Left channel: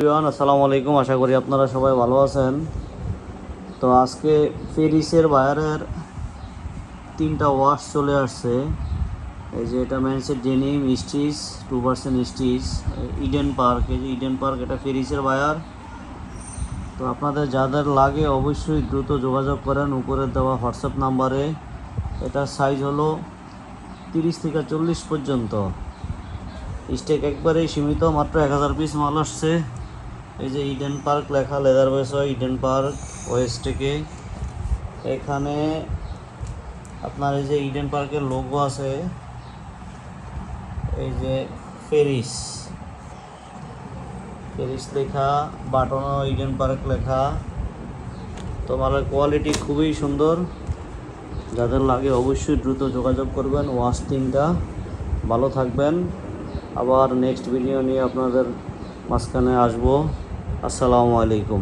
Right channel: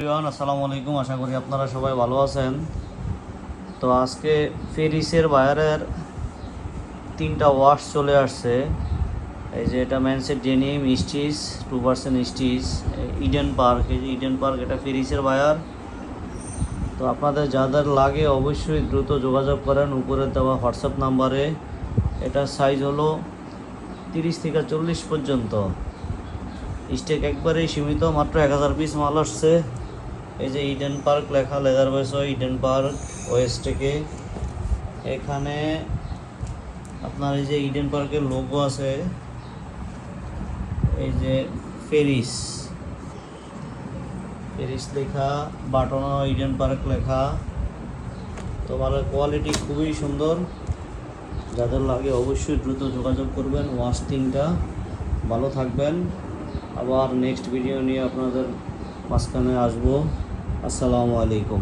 আসসালামু আলাইকুম, আশা করি আপনারা সবাই ভালো আছেন। তো আজকে ফেরিসের বায়ারের 3টা ওয়াশ চলে আসছে। এই যে এটা ম্যানসের denim stitch 2% stitch Eden park, এই যে ইডেন পার্ক, এটা ফেরিসের বায়ার। তো আপনাদের যাদের লাগে অবশ্যই দ্রুত যোগাযোগ করেন উপরে দেওয়া হোয়াটসঅ্যাপ নাম্বারে। এটার সাইজ হলো 30 থেকে 40 পর্যন্ত। স্টেক একবারেই সীমিত, মাত্র 1000 পিস মাল আসছে। এই যে ইডেন পার্ক লেখা, লেদার ওয়েস ইডেন পার্ক ওয়েস্টেকে। এখানে আপনার এই যে ইডেন পার্কের লোগো আছে, এই যে ফেরিস ফেরিস লেখা, বাটনও ইডেন পার্ক লেখা। তো মালের কোয়ালিটি খুবই সুন্দর, যাদের লাগে অবশ্যই দ্রুত যোগাযোগ করবেন। ওয়াশ 3টা। ভালো থাকবেন, আবার নেক্সট ভিডিও নিয়ে আপনাদের মাঝখানে আসবো। আসসালামু আলাইকুম।